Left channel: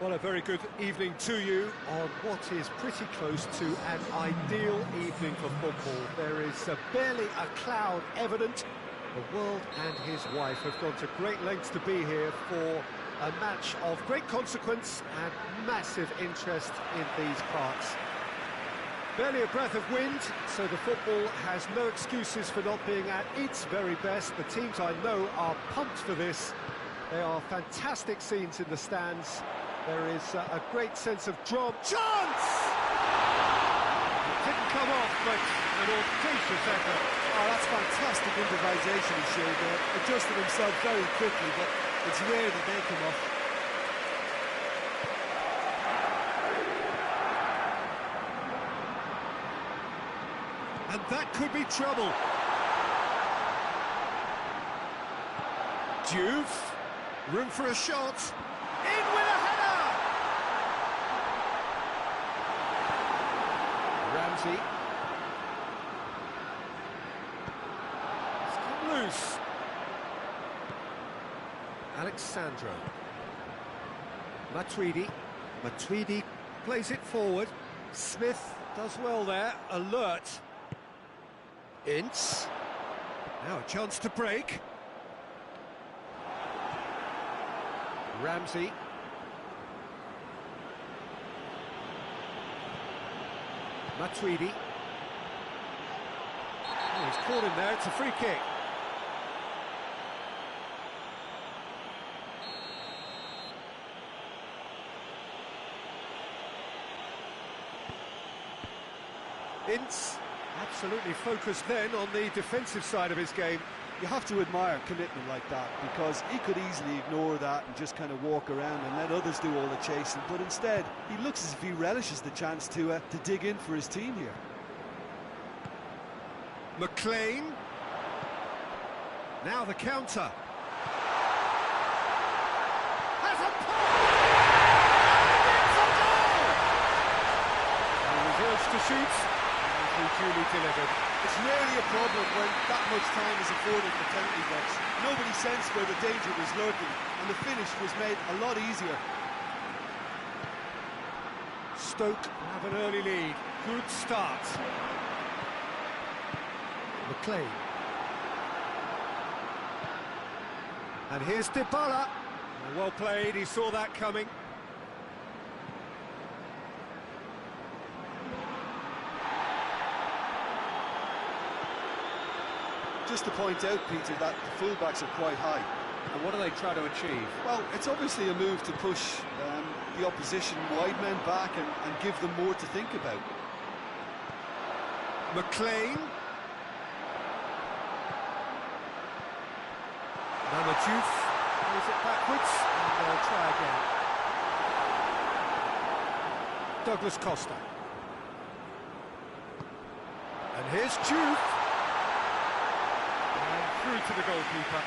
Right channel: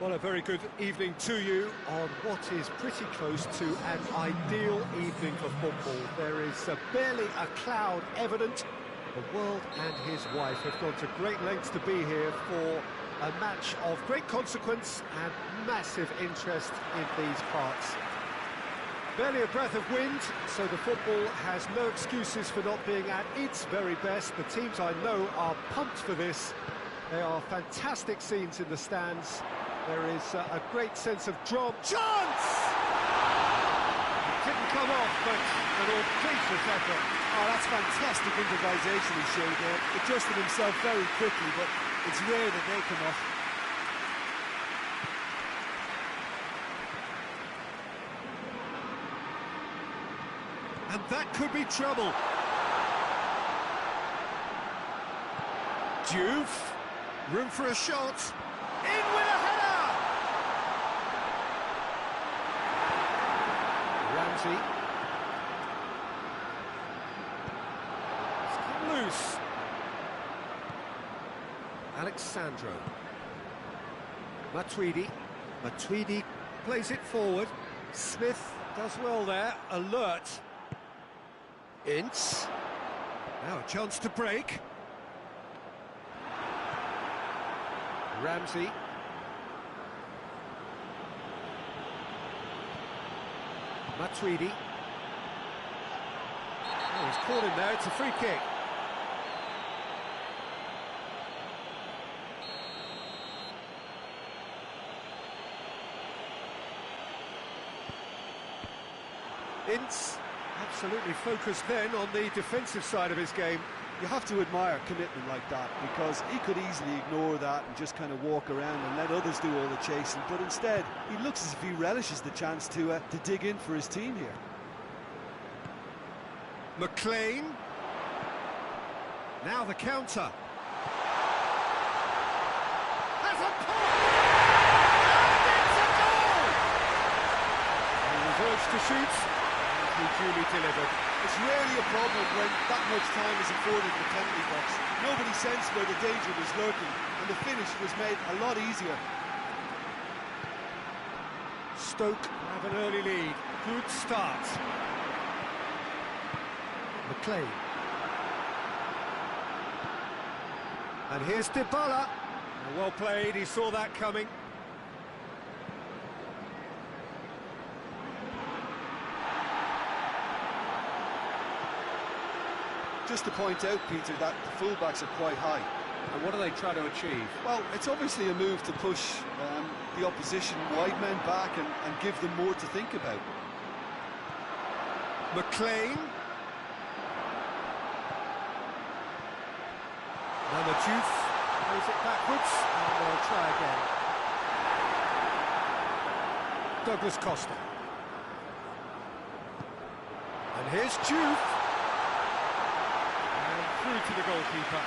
Well, a very good evening to you on what is pretty close to an ideal evening for football. There is barely a cloud evident. The world and his wife have gone to great lengths to be here for a match of great consequence and massive interest in these parts. Barely a breath of wind, so the football has no excuses for not being at its very best. The teams I know are pumped for this. There are fantastic scenes in the stands. There is a great sense of drama. Chance! It didn't come off, but an audacious effort. Oh, that's fantastic improvisation he showed there. Adjusted himself very quickly, but it's rare that they come off. And that could be trouble. Juve, room for a shot. In with a header! Ramsey. It's come loose. Alexandro. Matuidi plays it forward. Smith does well there. Alert. Ince. Now a chance to break. Ramsey. Matuidi. Oh, he's caught him there. It's a free kick. Ince. Absolutely focused then on the defensive side of his game. You have to admire commitment like that, because he could easily ignore that and just kind of walk around and let others do all the chasing, but instead he looks as if he relishes the chance to dig in for his team here. McLean. Now the counter. Has a pop! And it's a goal! He was urged to shoot. Duly delivered. It's rarely a problem when that much time is afforded in the penalty box. Nobody sensed where the danger was lurking, and the finish was made a lot easier. Stoke have an early lead. Good start. McLean. And here's Dybala. Well played, he saw that coming. Just to point out, Peter, that the fullbacks are quite high. And what do they try to achieve? Well, it's obviously a move to push the opposition wide men back and give them more to think about. McLean. Now the Juve plays it backwards, and they'll try again. Douglas Costa. And here's Juve. Through to the goalkeeper.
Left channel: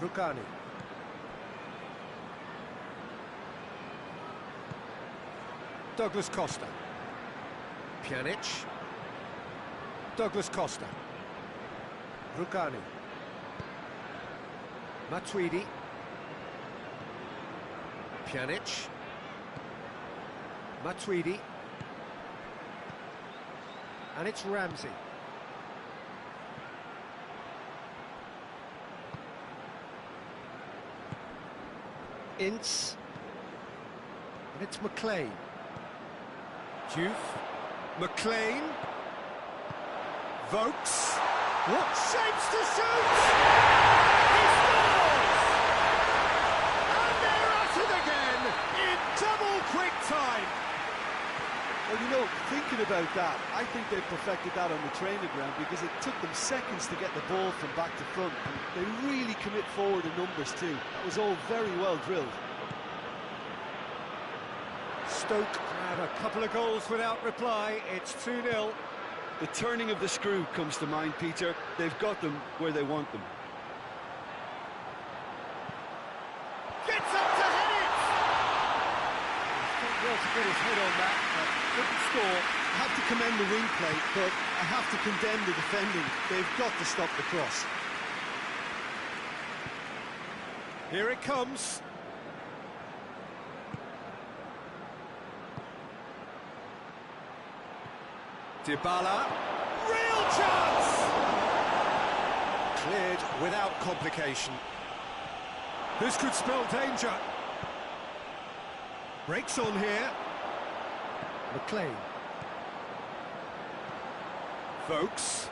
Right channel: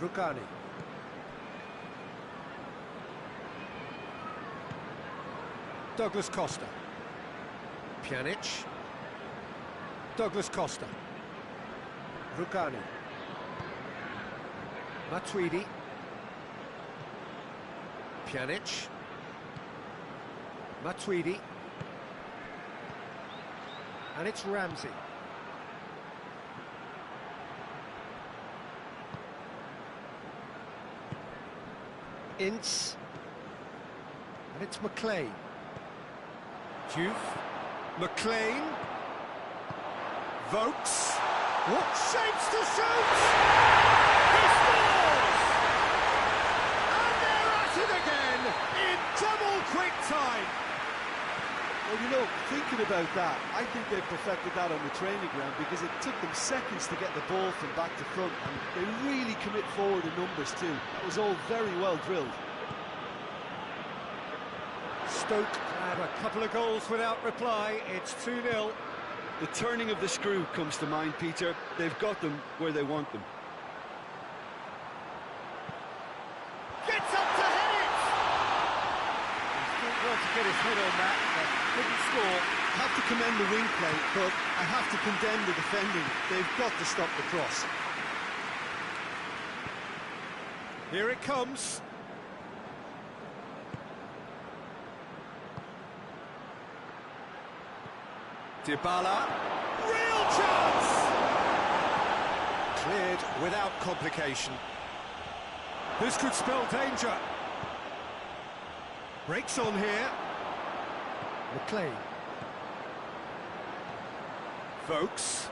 Rukani. Douglas Costa. Pjanic. Douglas Costa. Rukani. Matuidi. Pjanic. Matuidi. And it's Ramsey. Ince. And it's McLean. Juve. McLean. Vokes. What shapes to shoot! He scores! And they're at it again in double quick time. Well, you know, thinking about that, I think they perfected that on the training ground, because it took them seconds to get the ball from back to front, and they really commit forward in numbers too. That was all very well drilled. Stoke have a couple of goals without reply. It's 2-0. The turning of the screw comes to mind, Peter. They've got them where they want them. Gets up to head it! He's done well to get his head on that, but couldn't score. I have to commend the wing play, but I have to condemn the defending. They've got to stop the cross. Here it comes. Dybala. Real chance! Cleared without complication. This could spell danger. Breaks on here. McLean. Vokes.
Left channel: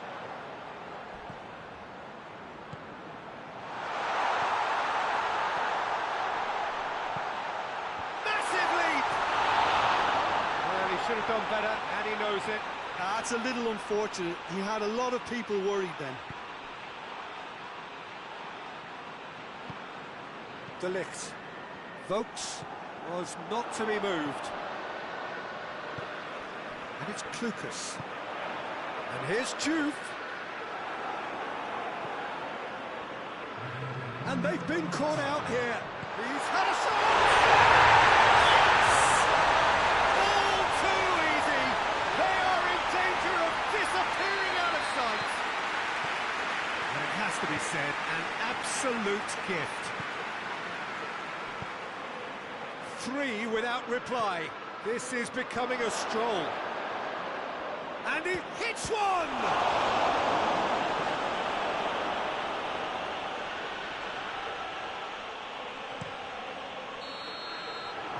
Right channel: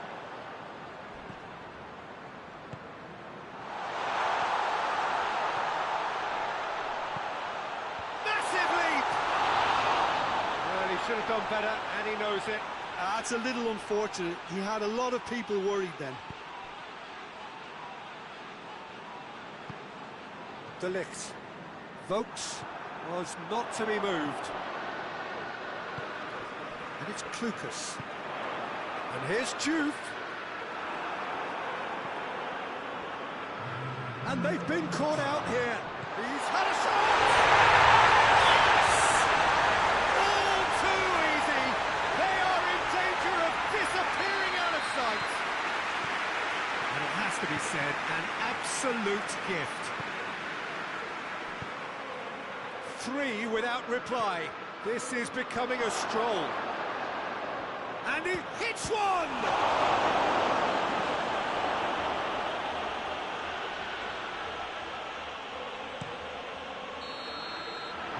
Massive leap! Well, he should have done better, and he knows it. That's a little unfortunate. He had a lot of people worried then. De Ligt. Vokes was not to be moved. And it's Klukas. And here's Juve. And they've been caught out here. He's had a shot! Yes! All too easy. They are in danger of disappearing out of sight. And it has to be said, an absolute gift. 3 without reply. This is becoming a stroll. And he hits one!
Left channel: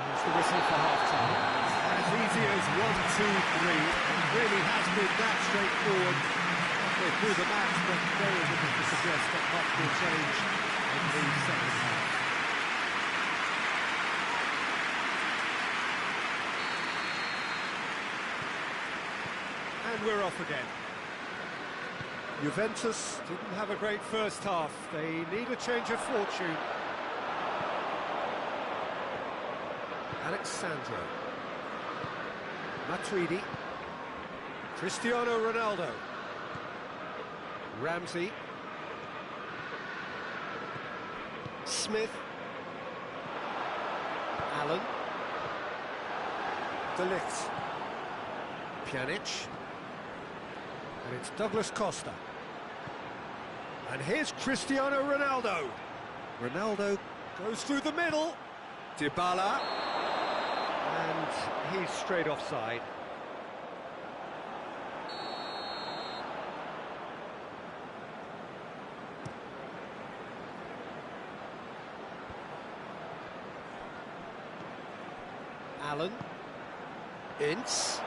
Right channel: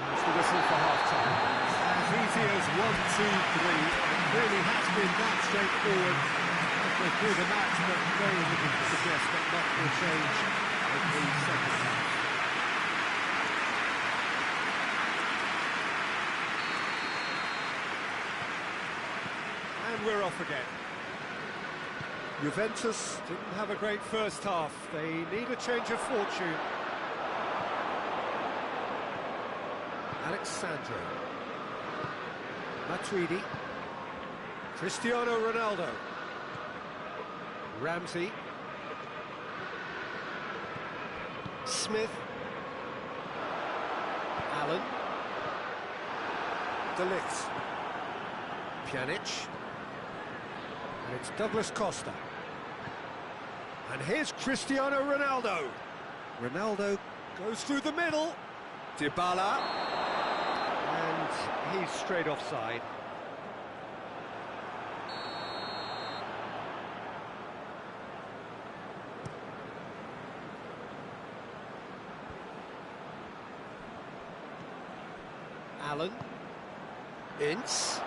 There's the whistle for half-time. As easy as 1, 2, 3. It really has been that straightforward halfway through the match, but very little to suggest that much will change in the second half. And we're off again. Juventus didn't have a great first half. They need a change of fortune. Alexandro. Matuidi. Cristiano Ronaldo. Ramsey. Smith. Allen. De Ligt. Pjanic. And it's Douglas Costa. And here's Cristiano Ronaldo. Ronaldo goes through the middle. Dybala. And he's straight offside. Allen. Ince.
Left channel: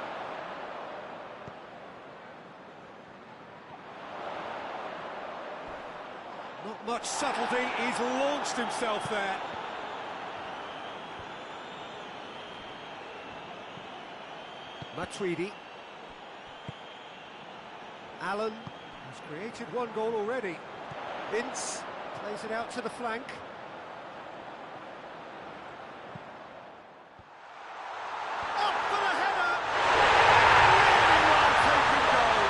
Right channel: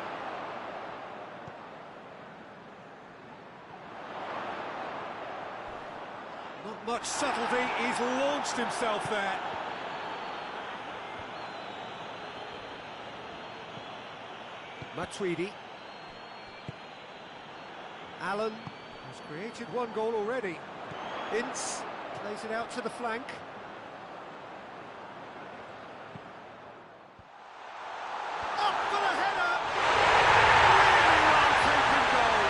Not much subtlety, he's launched himself there. Matuidi. Allen has created 1 goal already. Ince plays it out to the flank. Up for the header! Really well taken goal.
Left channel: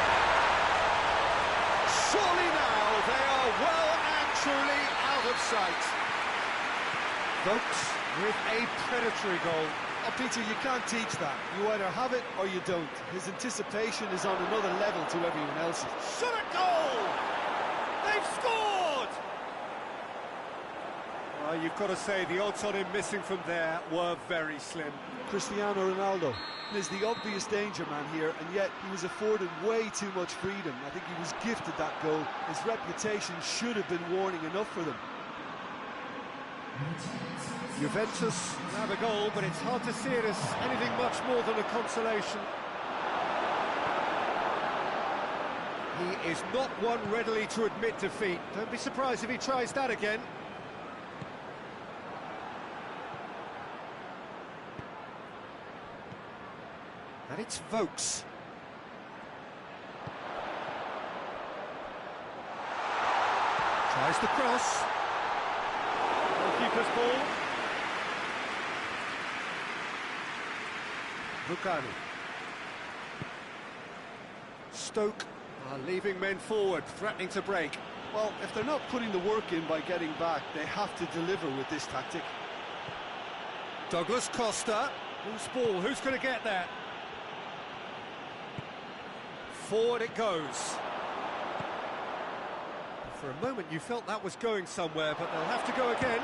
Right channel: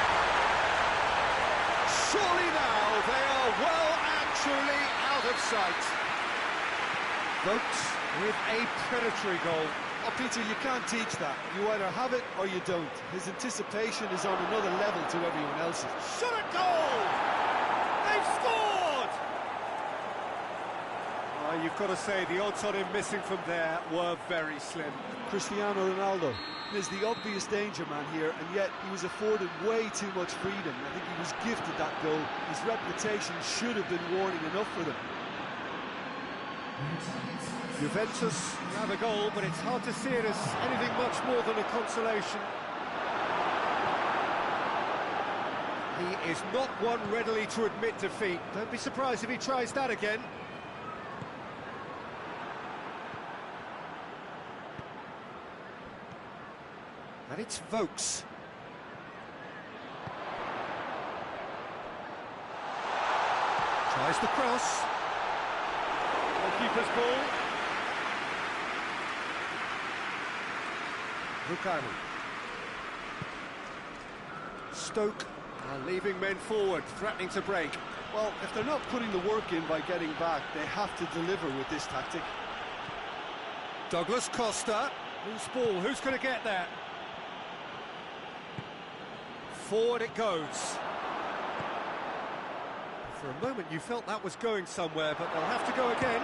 Surely now they are well and truly out of sight. Vokes with a predatory goal. Oh, Peter, you can't teach that. You either have it or you don't. His anticipation is on another level to everyone else's. Shot at goal! They've scored! You've got to say, the odds on him missing from there were very slim. Cristiano Ronaldo is the obvious danger man here, and yet he was afforded way too much freedom. I think he was gifted that goal. His reputation should have been warning enough for them. Juventus have a goal, but it's hard to see it as anything much more than a consolation. He is not one readily to admit defeat. Don't be surprised if he tries that again. And it's Vokes. Tries the cross. Goalkeeper's ball. Rukani. Stoke are leaving men forward, threatening to break. Well, if they're not putting the work in by getting back, they have to deliver with this tactic. Douglas Costa. Loose ball, who's going to get there? Forward it goes. For a moment you felt that was going somewhere, but they'll have to go again.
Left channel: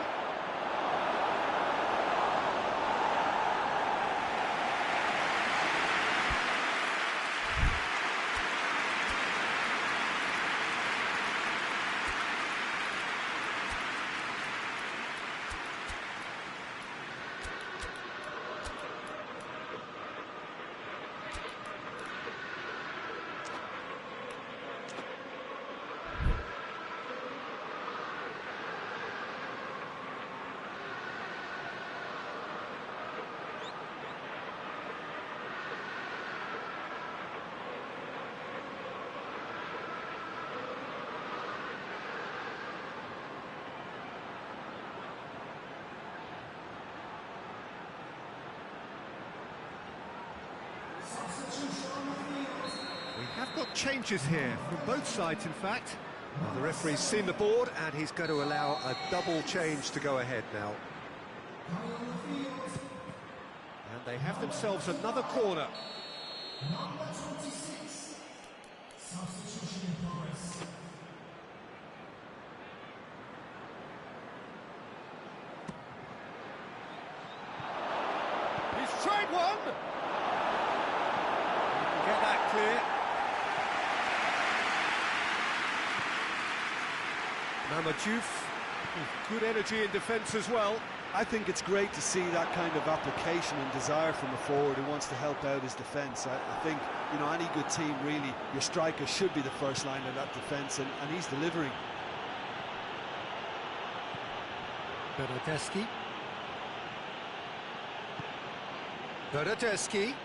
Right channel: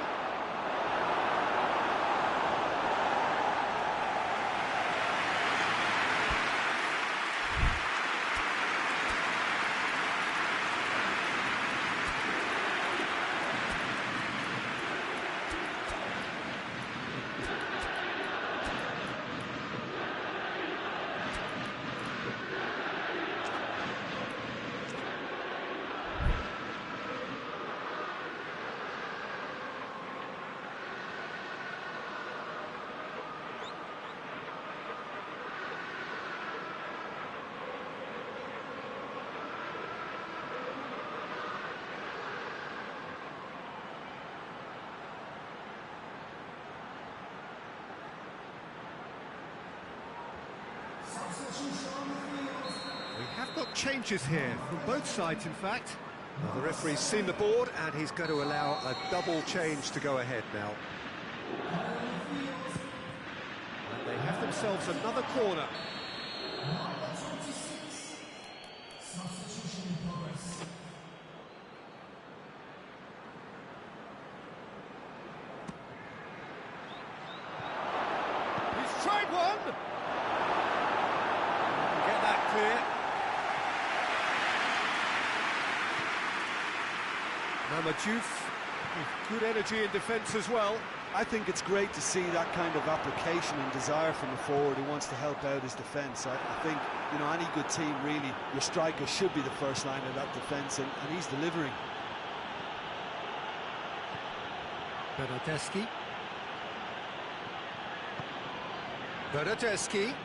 We have got changes here, from both sides in fact. Well, the referee's seen the board and he's going to allow a double change to go ahead now. And they have themselves another corner. He's tried one! You can get that clear. Mamadjouf with good energy in defence as well. I think it's great to see that kind of application and desire from a forward who wants to help out his defence. I think, you know, any good team, really, your striker should be the first line of that defence, and he's delivering. Bernardeschi. Bernardeschi.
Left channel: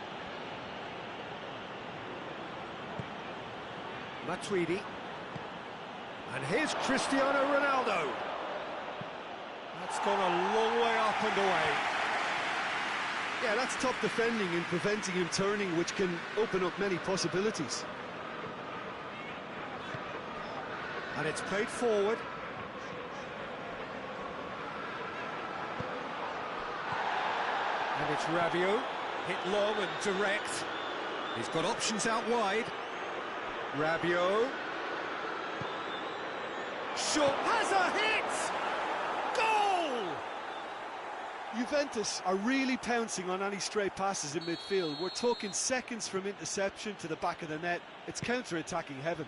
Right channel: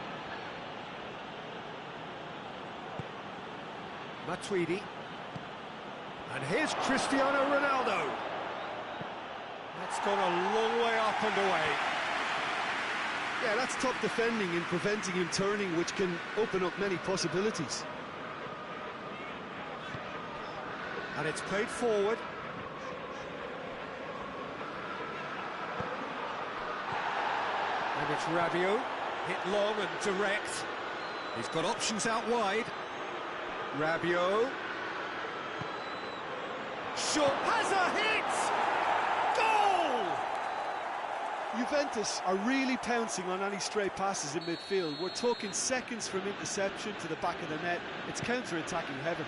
Matuidi. And here's Cristiano Ronaldo. That's gone a long way up and away. Yeah, that's top defending and preventing him turning, which can open up many possibilities. And it's played forward. And it's Rabiot, hit long and direct. He's got options out wide. Rabiot. Shot has a hit! Goal! Juventus are really pouncing on any stray passes in midfield. We're talking seconds from interception to the back of the net. It's counter-attacking heaven.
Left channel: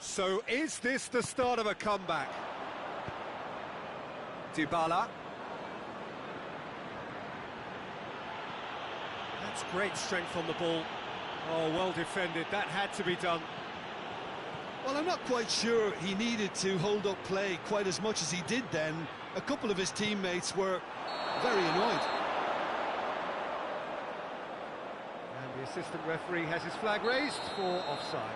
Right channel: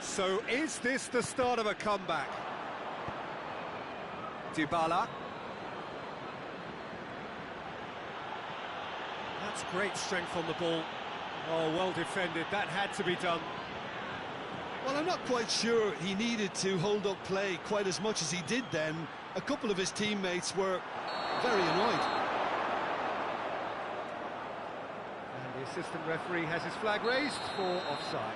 So is this the start of a comeback? Dybala. That's great strength on the ball. Oh, well defended. That had to be done. Well, I'm not quite sure he needed to hold up play quite as much as he did then. A couple of his teammates were very annoyed. And the assistant referee has his flag raised for offside.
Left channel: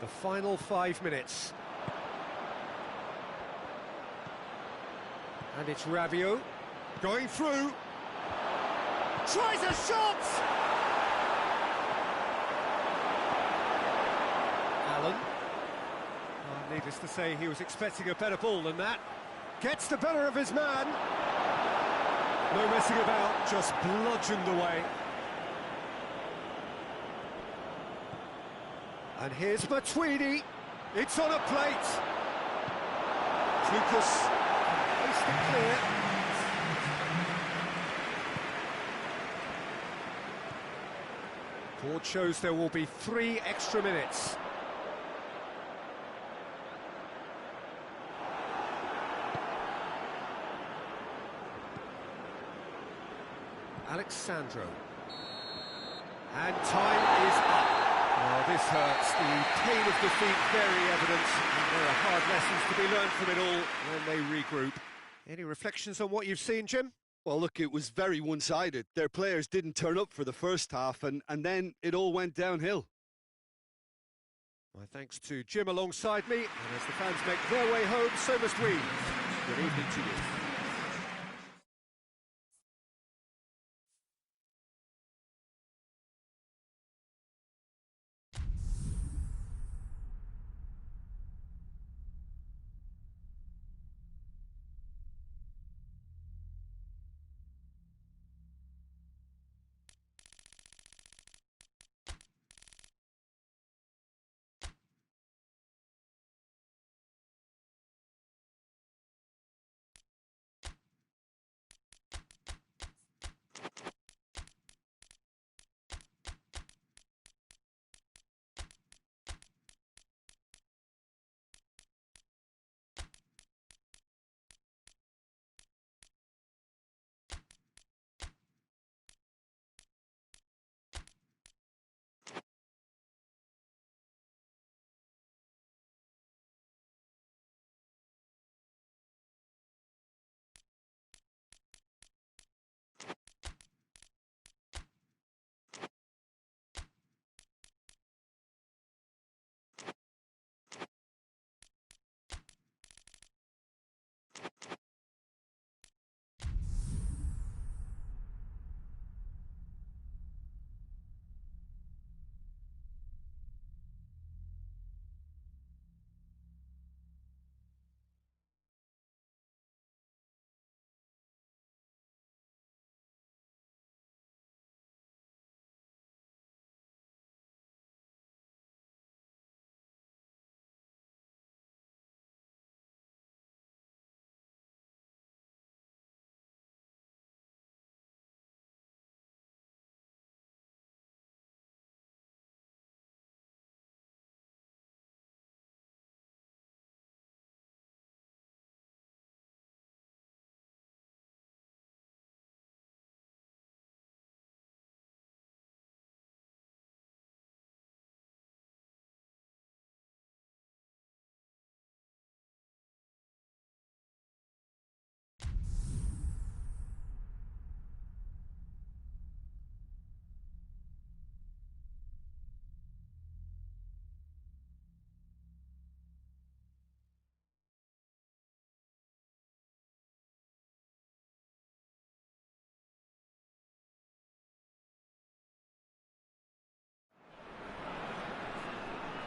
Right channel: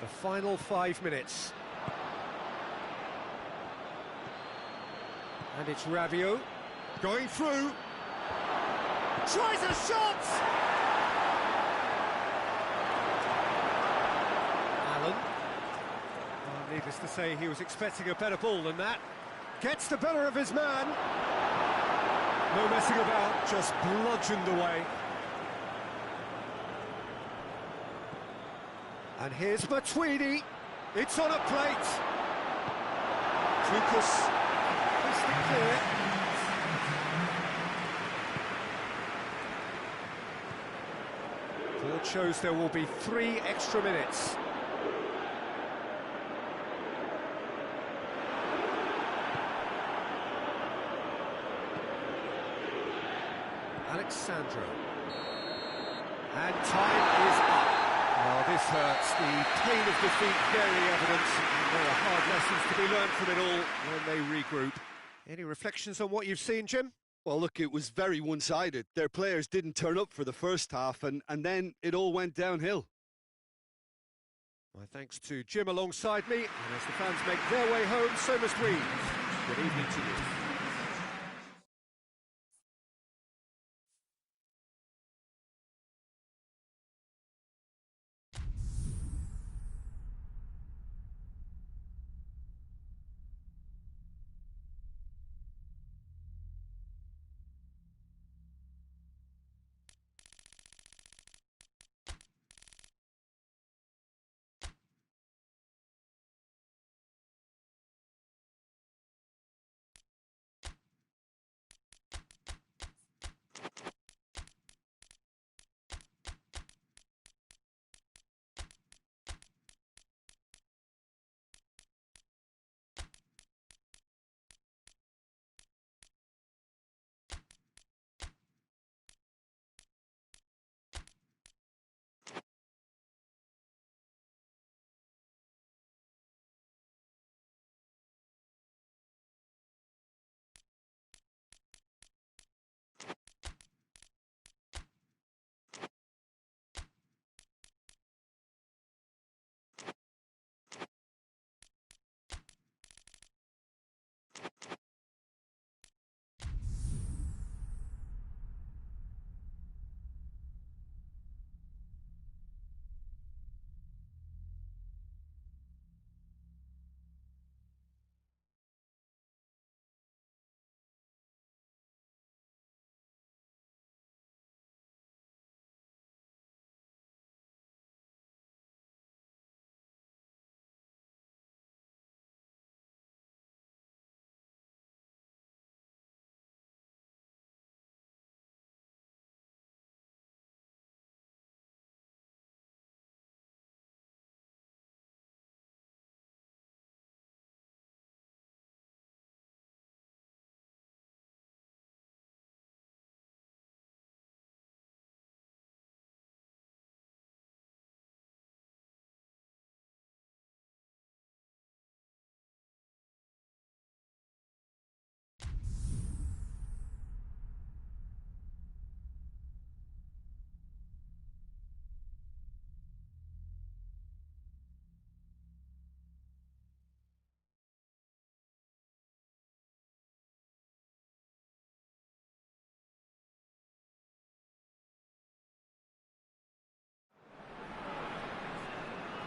The final 5 minutes. And it's Rabiot going through. Tries a shot! Allen. Oh, needless to say, he was expecting a better ball than that. Gets the better of his man. No messing about, just bludgeoned away. And here's Matuidi. It's on a plate. Lucas can hoist it clear. Board shows there will be 3 extra minutes. Alexandro. And time is up. Well, this hurts. The pain of defeat very evident. And there are hard lessons to be learned from it all when they regroup. Any reflections on what you've seen, Jim? Well, look, it was very one-sided. Their players didn't turn up for the first half, and then it all went downhill. My thanks to Jim alongside me, and as the fans make their way home, so must we. Good evening to you.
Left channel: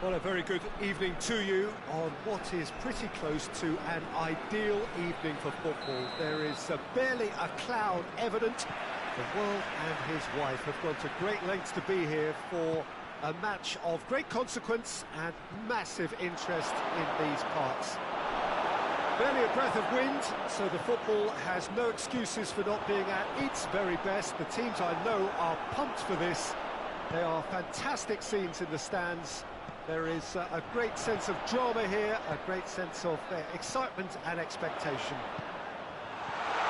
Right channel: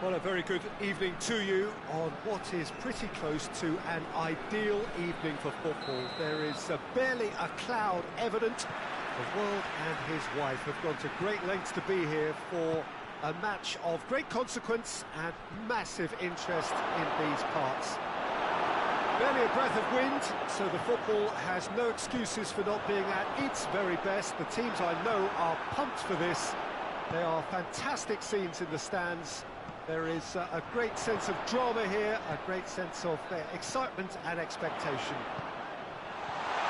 Well, a very good evening to you on what is pretty close to an ideal evening for football. There is barely a cloud evident. The world and his wife have gone to great lengths to be here for a match of great consequence and massive interest in these parts. Barely a breath of wind, so the football has no excuses for not being at its very best. The teams I know are pumped for this. There are fantastic scenes in the stands. There is a great sense of drama here, a great sense of excitement and expectation.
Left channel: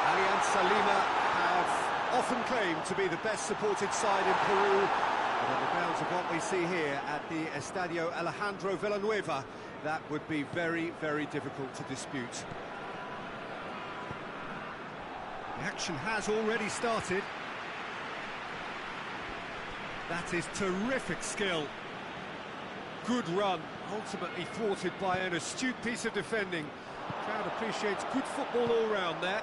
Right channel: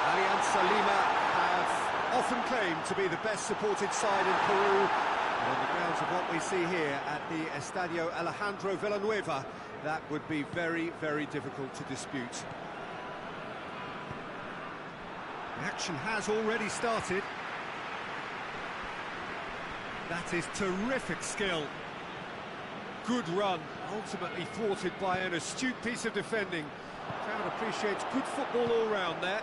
Alianza Lima have often claimed to be the best supported side in Peru, but on the grounds of what we see here at the Estadio Alejandro Villanueva, that would be very, very difficult to dispute. The action has already started. That is terrific skill. Good run, ultimately thwarted by an astute piece of defending. The crowd appreciates good football all round there.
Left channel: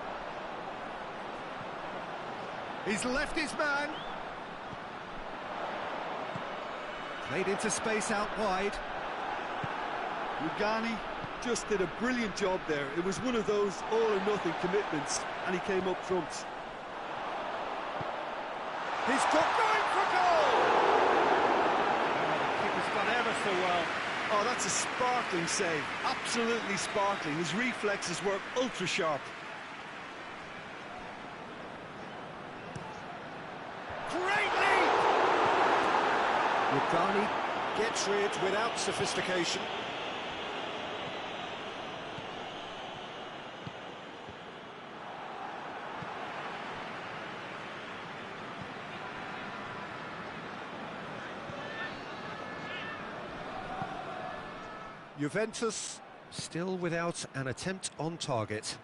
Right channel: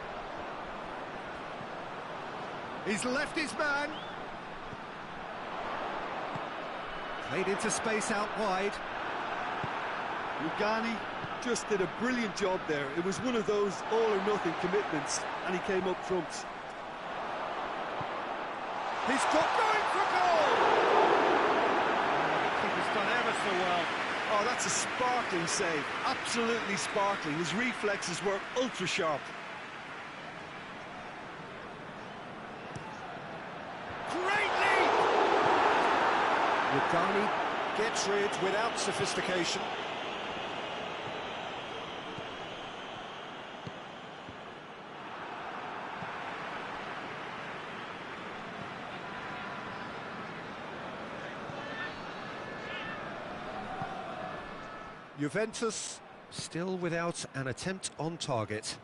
He's left his man. Played into space out wide. Rugani just did a brilliant job there. It was one of those all-or-nothing commitments, and he came up front. He's got going for goal! Keeper's done ever so well. Oh, that's a sparkling save. Absolutely sparkling. His reflexes were ultra-sharp. Great lead! Rugani gets rid without sophistication. Juventus still without an attempt on target.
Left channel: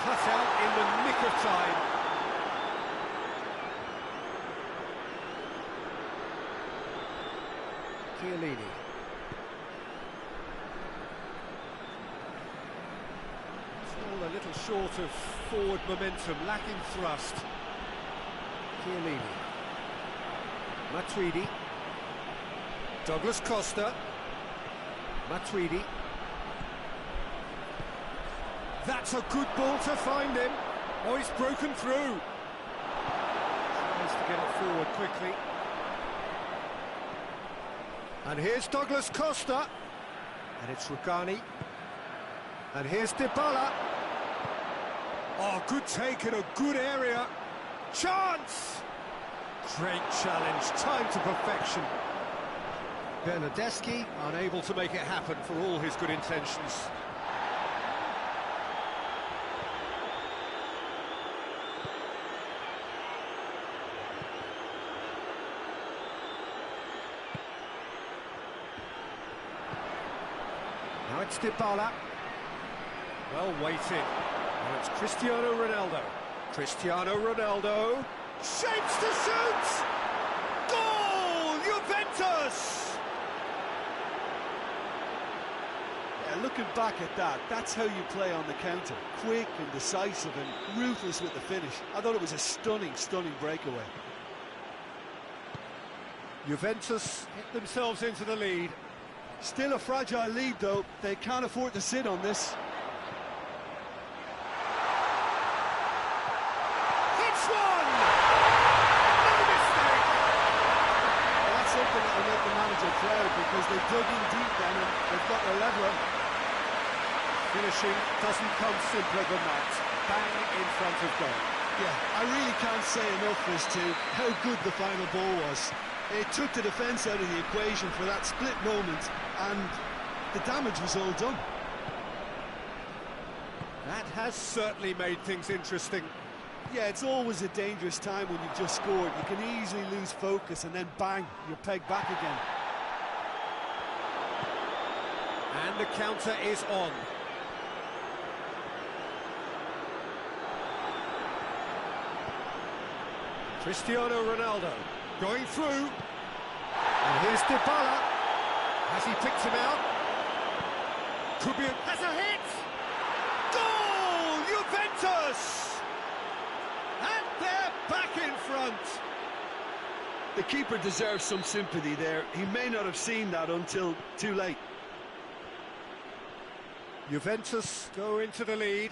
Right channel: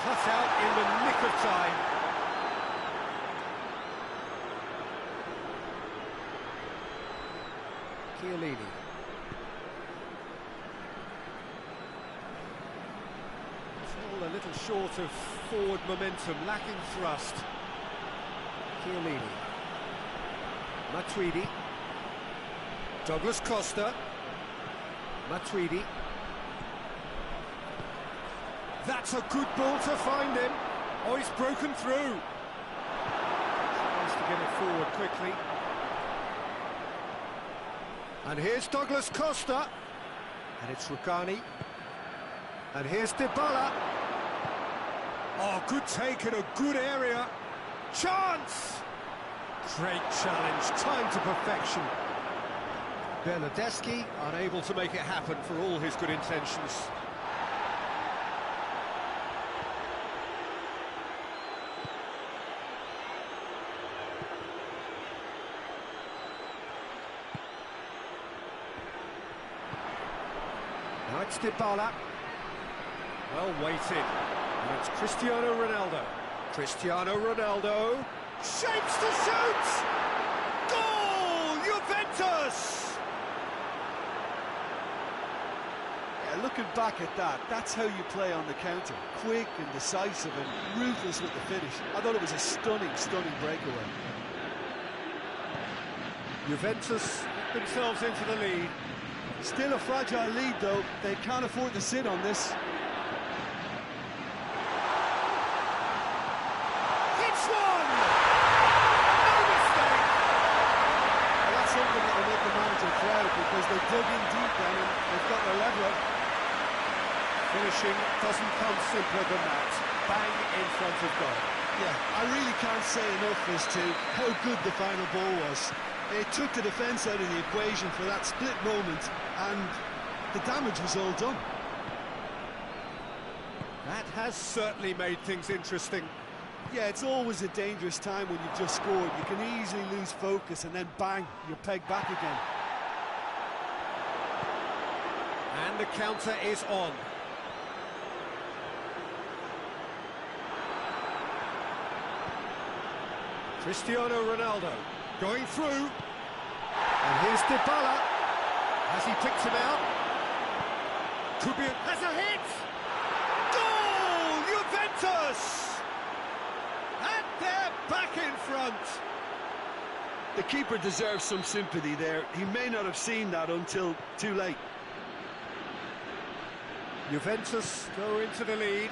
Cut out in the nick of time. Chiellini. It's all a little short of forward momentum, lacking thrust. Chiellini. Matuidi. Douglas Costa. Matuidi. That's a good ball to find him. Oh, he's broken through. Tries to get it forward quickly. And here's Douglas Costa. And it's Rugani. And here's Dybala. Oh, good take in a good area. Chance! Great challenge, time to perfection. Bernardeschi unable to make it happen for all his good intentions. Now it's Dybala. Well weighted. Now it's Cristiano Ronaldo. Cristiano Ronaldo. Shapes to shoot! Goal! Juventus! Yeah, looking back at that, that's how you play on the counter. Quick and decisive and ruthless with the finish. I thought it was a stunning, stunning breakaway. Juventus get themselves into the lead. Still a fragile lead, though. They can't afford to sit on this. One! No mistake! Well, that's something that will make the manager proud because they dug in deep then and they've got their leveller. Finishing doesn't come simpler than that. Bang in front of goal. Yeah, I really can't say enough as to how good the final ball was. It took the defence out of the equation for that split moment and the damage was all done. That has certainly made things interesting. Yeah, it's always a dangerous time when you've just scored. You can easily lose focus and then bang, you're pegged back again. And the counter is on. Cristiano Ronaldo going through. And here's Dybala. Has he picked him out? Could be has a hit! Goal! Juventus! At they're back in front. The keeper deserves some sympathy there. He may not have seen that until too late. Juventus go into the lead.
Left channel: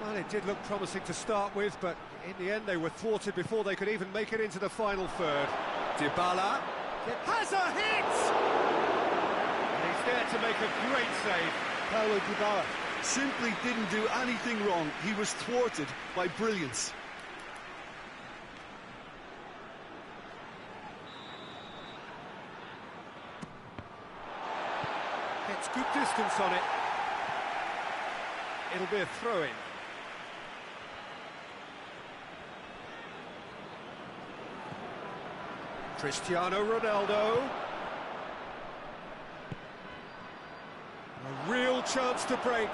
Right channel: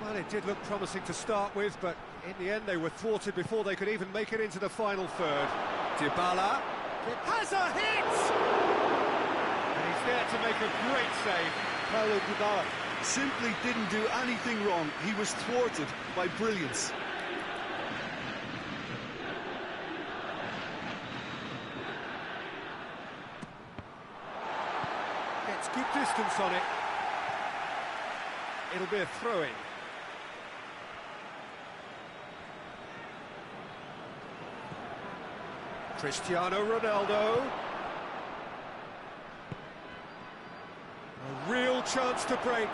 Well, it did look promising to start with, but in the end they were thwarted before they could even make it into the final third. Dybala has a hit! And he's there to make a great save. Paulo Dybala simply didn't do anything wrong. He was thwarted by brilliance. Gets good distance on it. It'll be a throw-in. Cristiano Ronaldo. A real chance to break.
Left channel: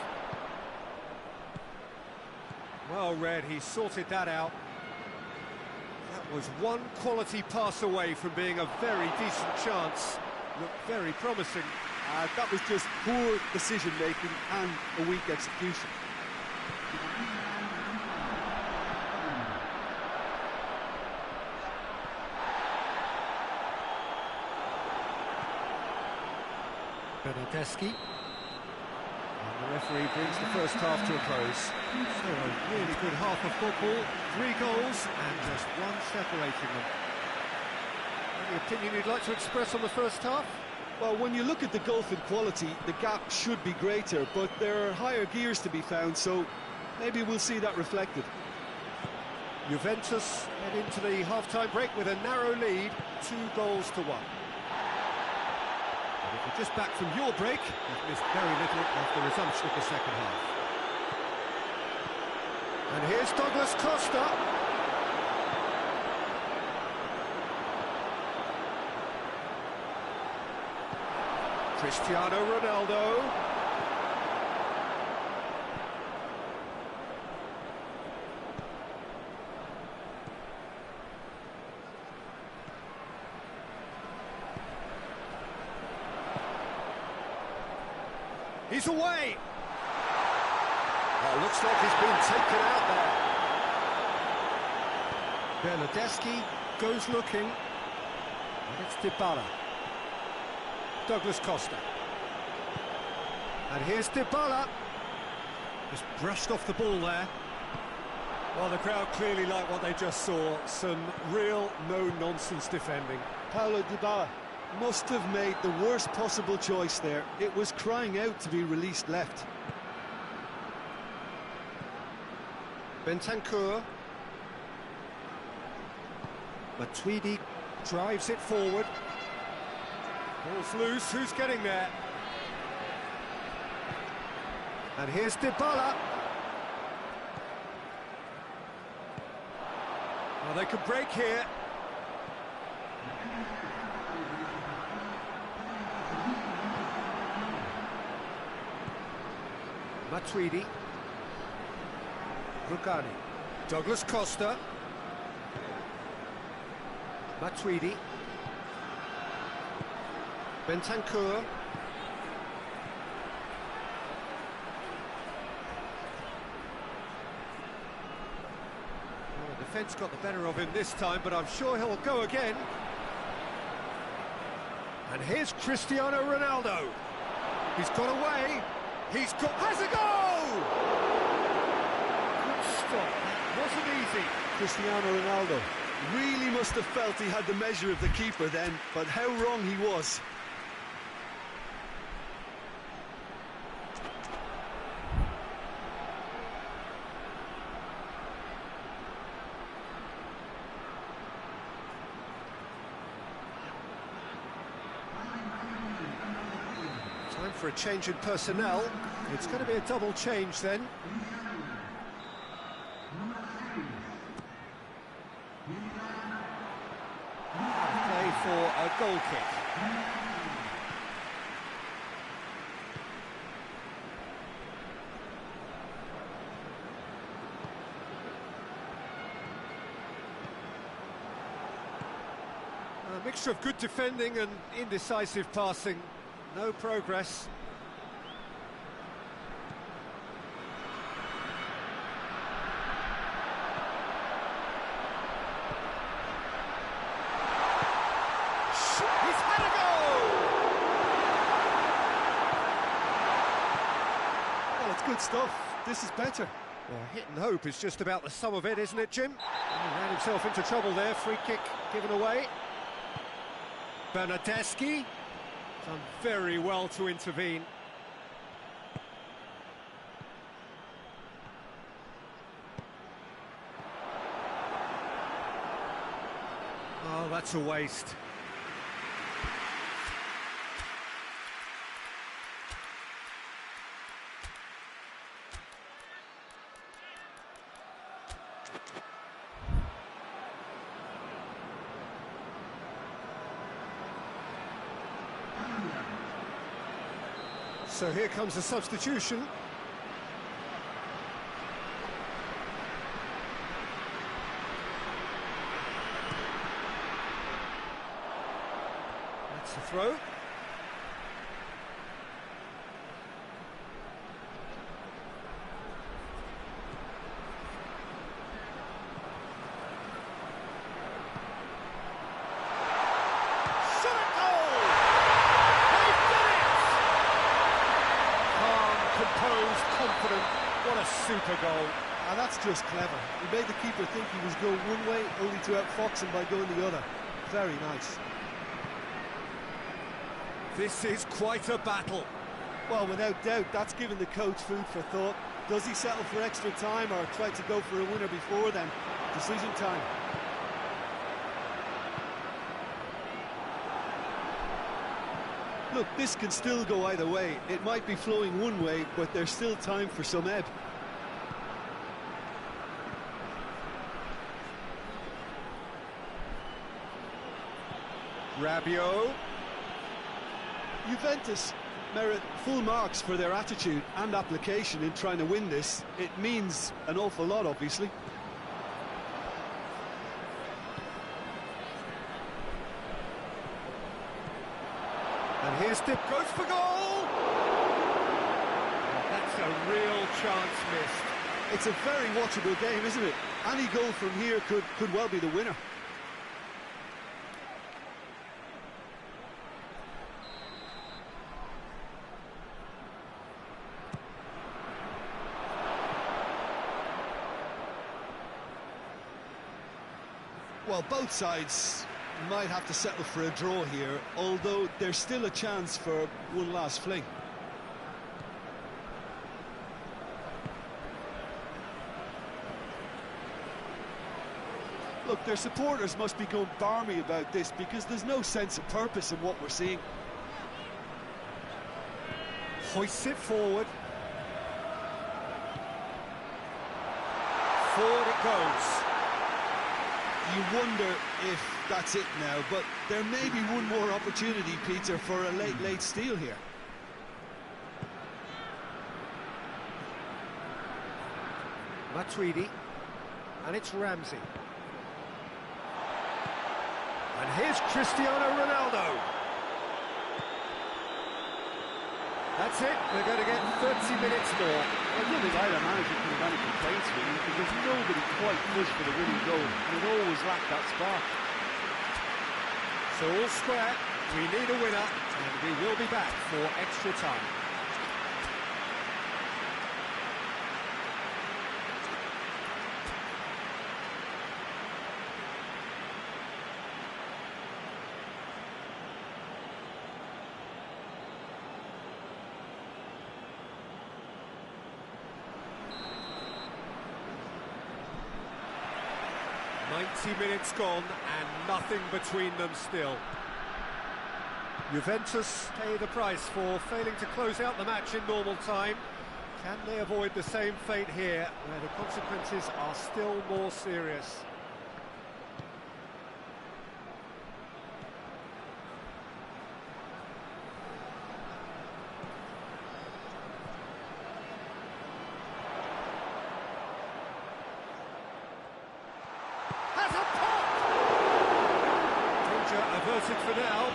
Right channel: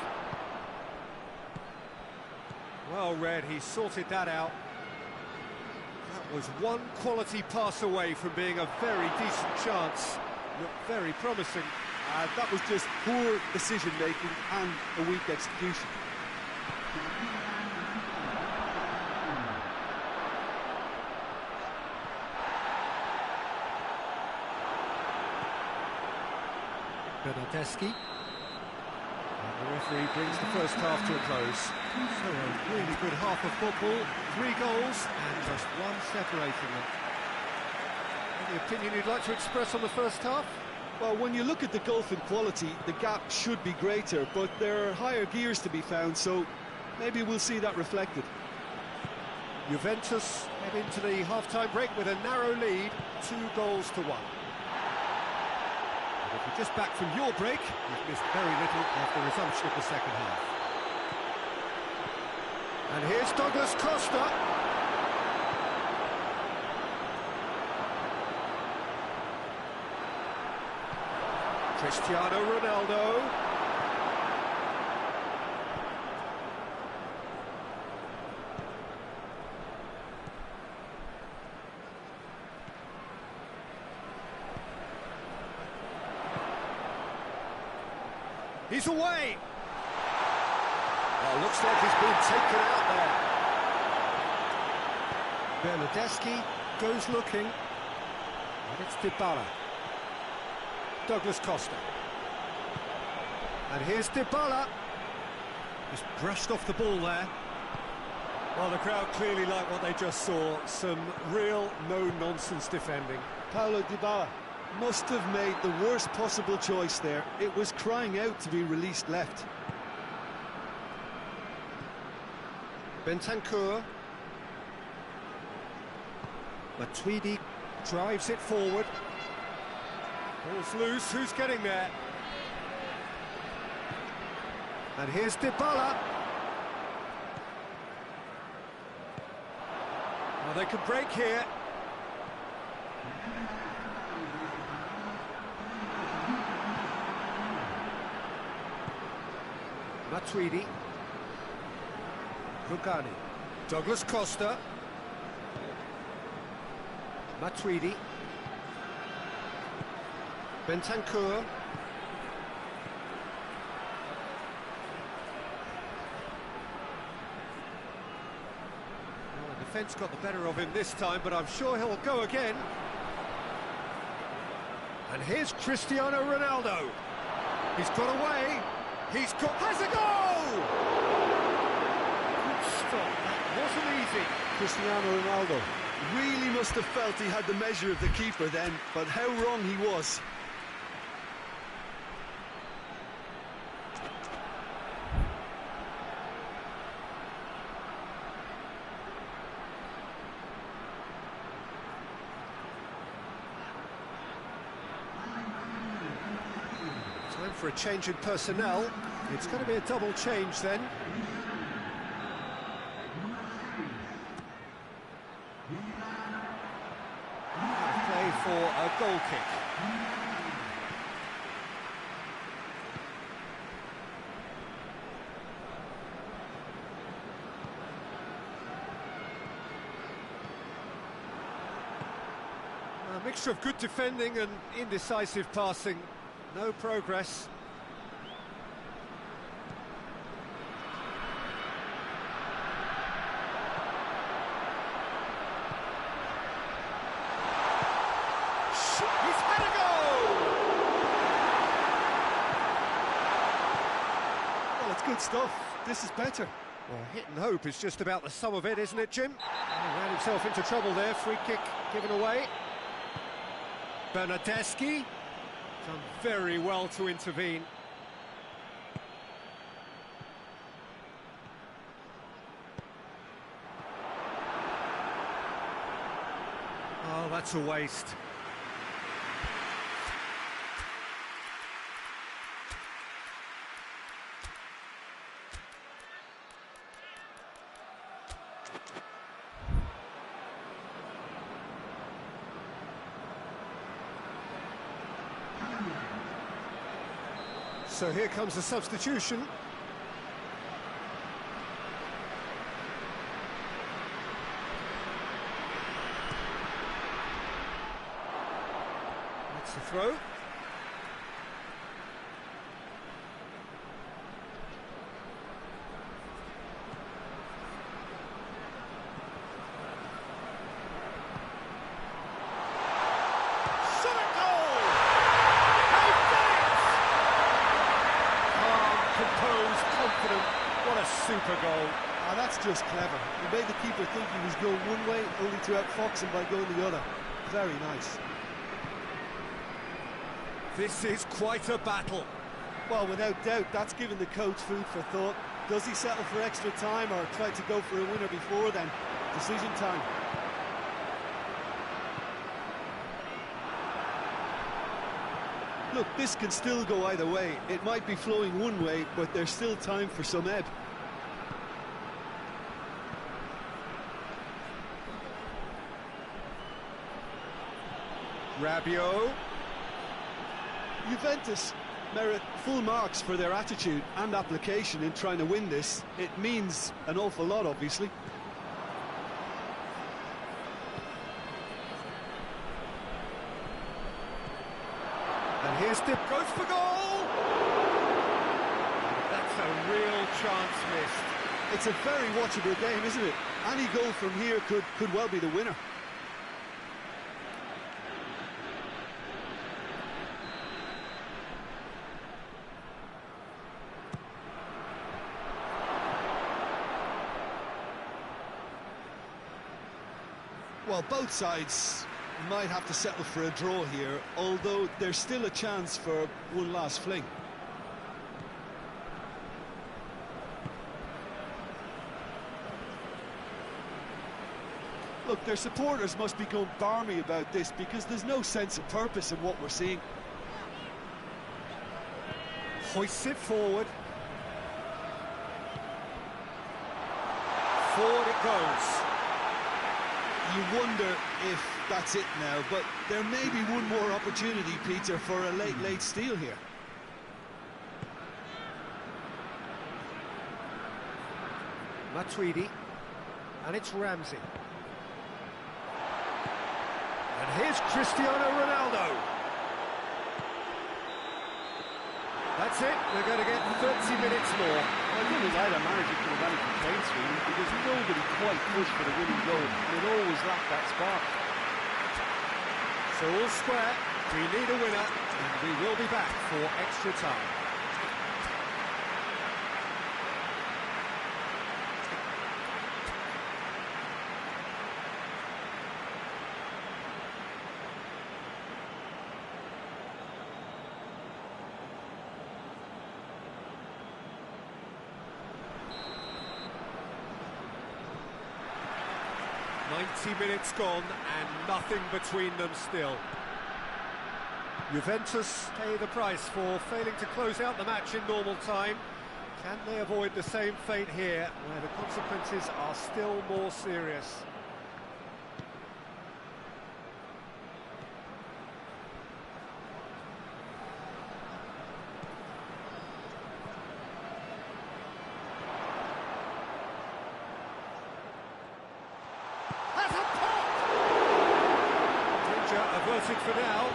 Well read, he sorted that out. That was one quality pass away from being a very decent chance. Looked very promising. That was just poor decision-making and a weak execution. Bernardeschi. And the referee brings the first half to a close. So a really good half of football, 3 goals and just one separating them. Any opinion you'd like to express on the first half? Well, when you look at the gulf in quality, the gap should be greater, but there are higher gears to be found, so maybe we'll see that reflected. Juventus head into the half-time break with a narrow lead, 2-1. And if you're just back from your break, you've missed very little of the resumption of the second half. And here's Douglas Costa. Cristiano Ronaldo. He's away. Oh, looks like he's been taken out there. Bernardeschi goes looking. And it's Dybala. Douglas Costa. And here's Dybala. Just brushed off the ball there. Well, the crowd clearly like what they just saw. Some real no-nonsense defending. Paulo Dybala must have made the worst possible choice there. It was crying out to be released left. Bentancur. Matuidi drives it forward. Ball's loose, who's getting there? And here's Dybala. Well, they can break here. Matuidi. Rugani. Douglas Costa. Matuidi. Bentancur. Well, the defence got the better of him this time, but I'm sure he'll go again. And here's Cristiano Ronaldo. He's got away. Has a goal! Good stop, that wasn't easy. Cristiano Ronaldo really must have felt he had the measure of the keeper then, but how wrong he was. Time for a change in personnel. It's going to be a double change then. Out of play for a goal kick. A mixture of good defending and indecisive passing. No progress. He's had a go! Well, it's good stuff. This is better. Well, hit and hope is just about the sum of it, isn't it, Jim? He ran himself into trouble there. Free kick given away. Bernardeschi done very well to intervene. Oh, that's a waste. So here comes the substitution. That's the throw. Composed, confident, what a super goal. Ah, that's just clever. He made the keeper think he was going one way, only to outfox him by going the other. Very nice. This is quite a battle. Well, without doubt, that's given the coach food for thought. Does he settle for extra time or try to go for a winner before then? Decision time. Look, this can still go either way. It might be flowing one way, but there's still time for some ebb. Rabiot. Juventus merit full marks for their attitude and application in trying to win this. It means an awful lot, obviously. And here's Dip, goes for goal! That's a real chance missed. It's a very watchable game, isn't it? Any goal from here could well be the winner. Well, both sides might have to settle for a draw here, although there's still a chance for one last fling. Look, their supporters must be going barmy about this because there's no sense of purpose in what we're seeing. Hoists it forward. Forward it goes. You wonder if that's it now, but there may be one more opportunity, Peter, for a late steal here. Matuidi, and it's Ramsey. And here's Cristiano Ronaldo. That's it, we're going to get 30 minutes more. Well, I don't think either manager could have any complaints, really, because nobody quite pushed for the winning goal, and it always lacked that spark. So all square, we need a winner, and we will be back for extra time. "90 minutes gone and nothing between them still." Juventus pay the price for failing to close out the match in normal time. Can they avoid the same fate here, where the consequences are still more serious? Has a pop! Danger averted for now.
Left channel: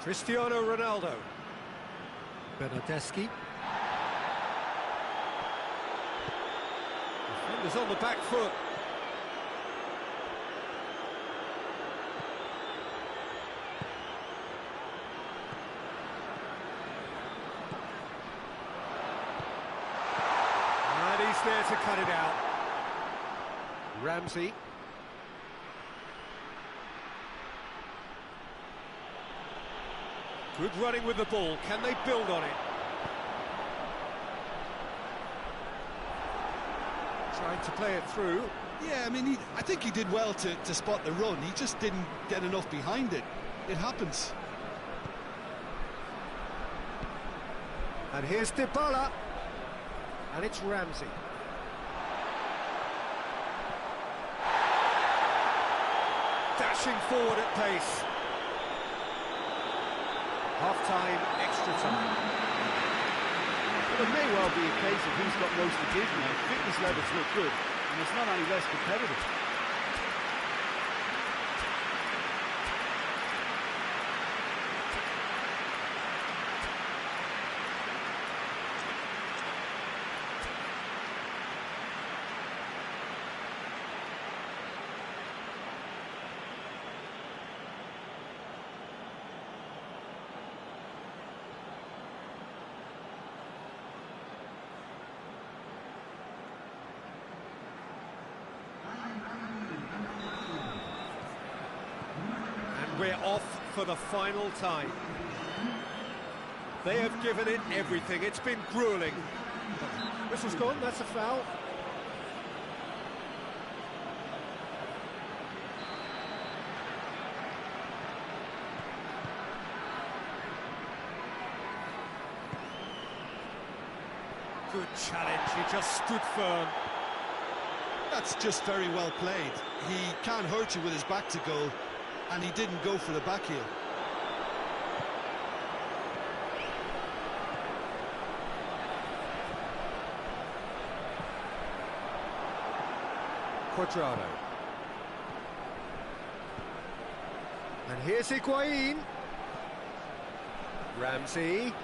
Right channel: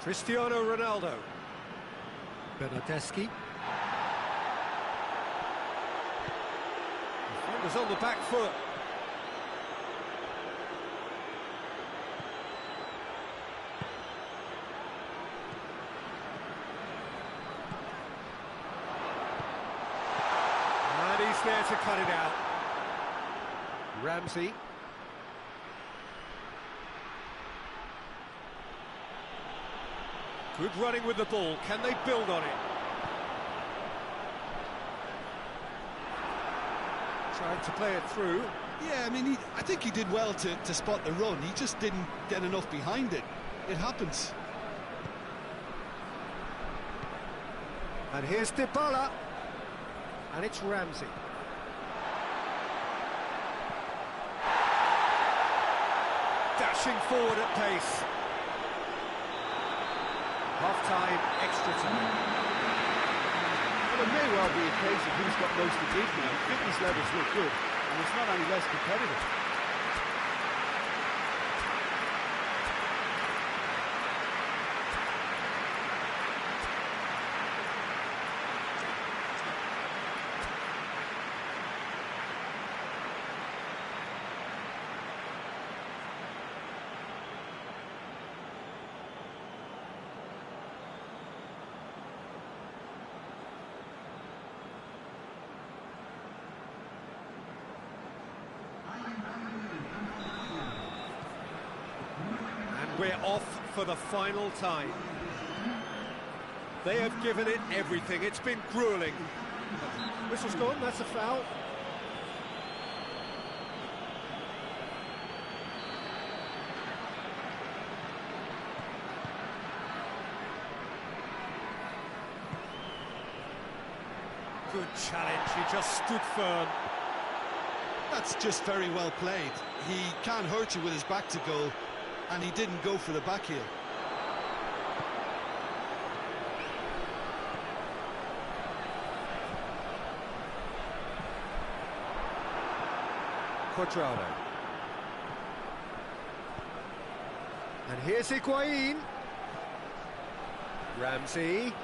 Cristiano Ronaldo. Bernardeschi. defenders on the back foot. And he's there to cut it out. Ramsey. Good running with the ball. Can they build on it? Trying to play it through. Yeah, I mean, I think he did well to spot the run. He just didn't get enough behind it. It happens. And here's DiBala. And it's Ramsey. Dashing forward at pace. Half-time, extra time. Well, it may well be a case of who's got most to give now. Fitness levels look good, and it's not any less competitive. We're off for the final time. They have given it everything. It's been grueling. Whistle's gone, that's a foul. Good challenge, he just stood firm. That's just very well played. He can't hurt you with his back to goal, and he didn't go for the back heel. Quadrado. And here's Higuain. Ramsey.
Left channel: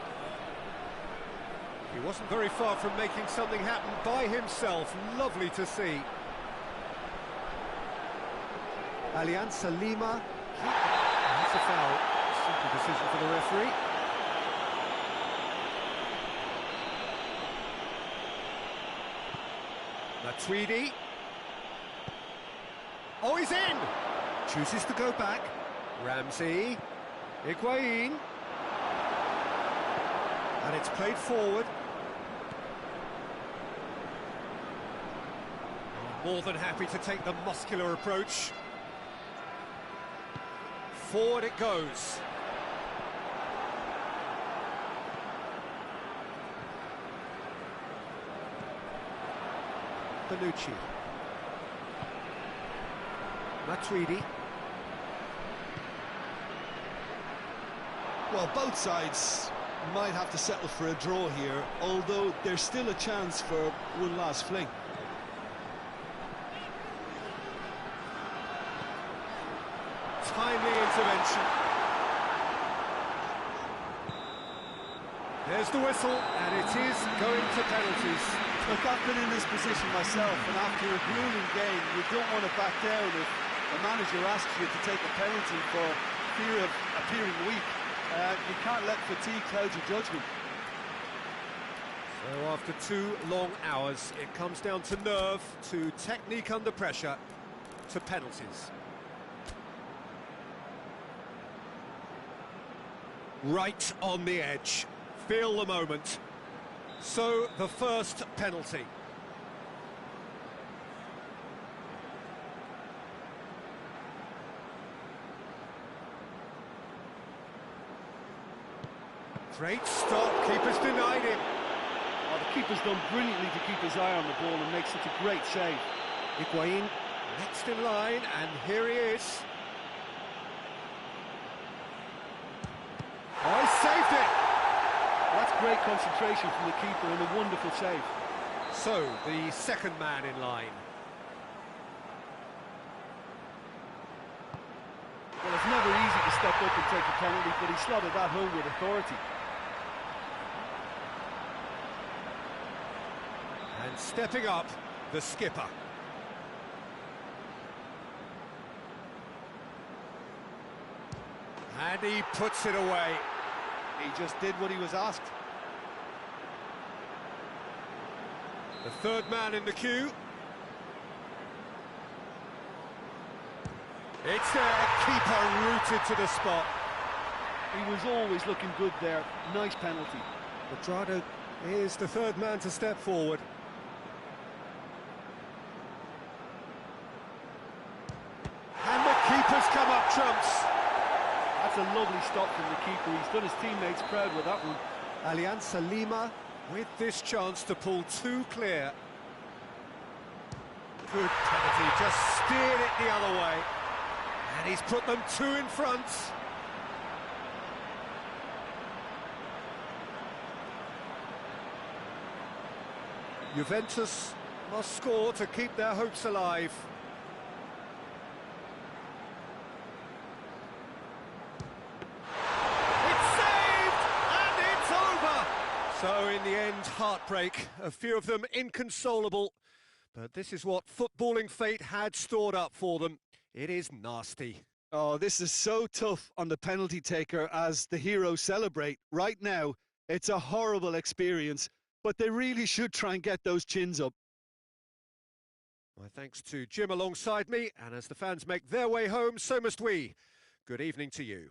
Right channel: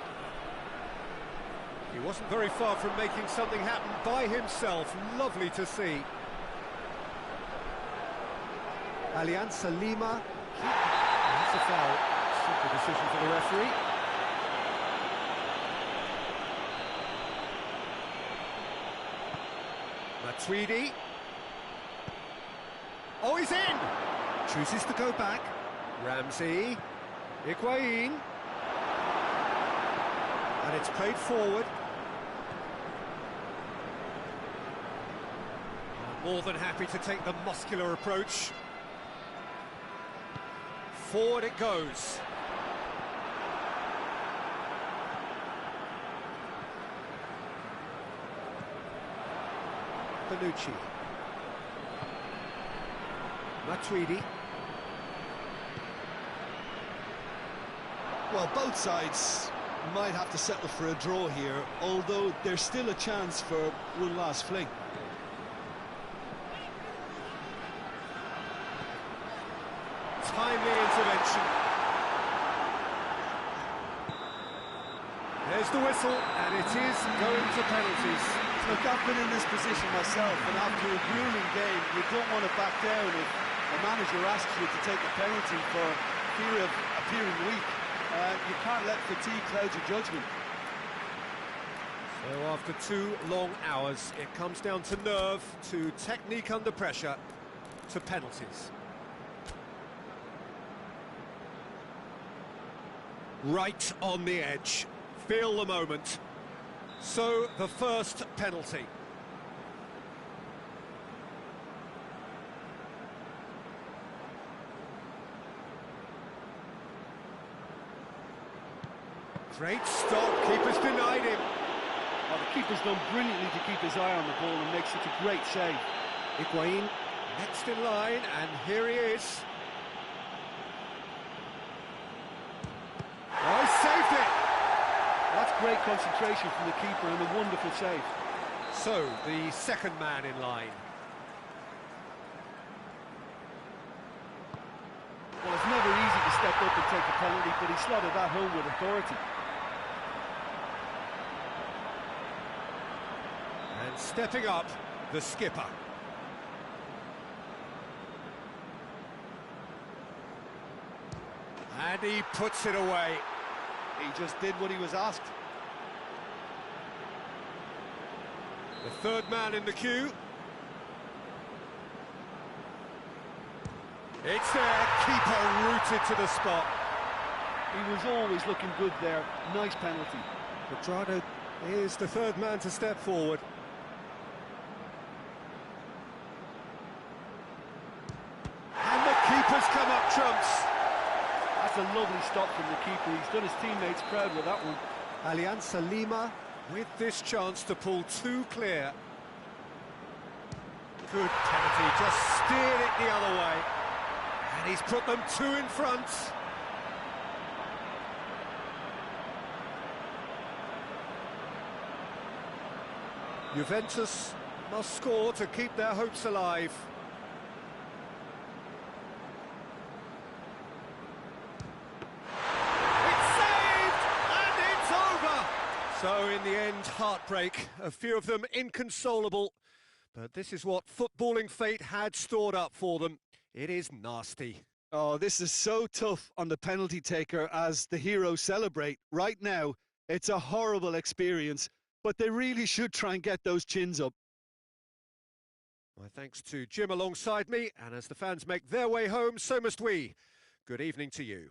He wasn't very far from making something happen by himself. Lovely to see. Alianza Lima. That's a foul. Simple decision for the referee. Matuidi. Oh, he's in! Chooses to go back. Ramsey. Higuain. And it's played forward. More than happy to take the muscular approach. Forward it goes. Bonucci. Matuidi. Well, both sides might have to settle for a draw here, although there's still a chance for one last fling. Timely intervention. There's the whistle, and it is going to penalties. Look, I've been in this position myself, and after a grueling game, you don't want to back down if the manager asks you to take a penalty for fear of appearing weak. You can't let fatigue cloud your judgment. So after 2 long hours, it comes down to nerve, to technique under pressure, to penalties. Right on the edge. Feel the moment. So, the first penalty. Great stop, keeper's denied him. Oh, the keeper's done brilliantly to keep his eye on the ball and make such a great save. Higuain next in line, and here he is. Oh, he saved it! That's great concentration from the keeper and a wonderful save. So, the second man in line. Well, it's never easy to step up and take a penalty, but he slotted that home with authority. And stepping up, the skipper. And he puts it away. He just did what he was asked. The third man in the queue. It's there, keeper rooted to the spot. He was always looking good there. Nice penalty. Quadrado is the third man to step forward. And the keeper's come up trumps. That's a lovely stop from the keeper. He's done his teammates proud with that one. Alianza Lima with this chance to pull two clear. Good penalty, just steered it the other way. And he's put them two in front. Juventus must score to keep their hopes alive. It's saved, and it's over! So in the end, heartbreak, a few of them inconsolable. But this is what footballing fate had stored up for them. It is nasty. Oh, this is so tough on the penalty taker as the heroes celebrate. Right now, it's a horrible experience, but they really should try and get those chins up. My thanks to Jim alongside me, and as the fans make their way home, so must we. Good evening to you.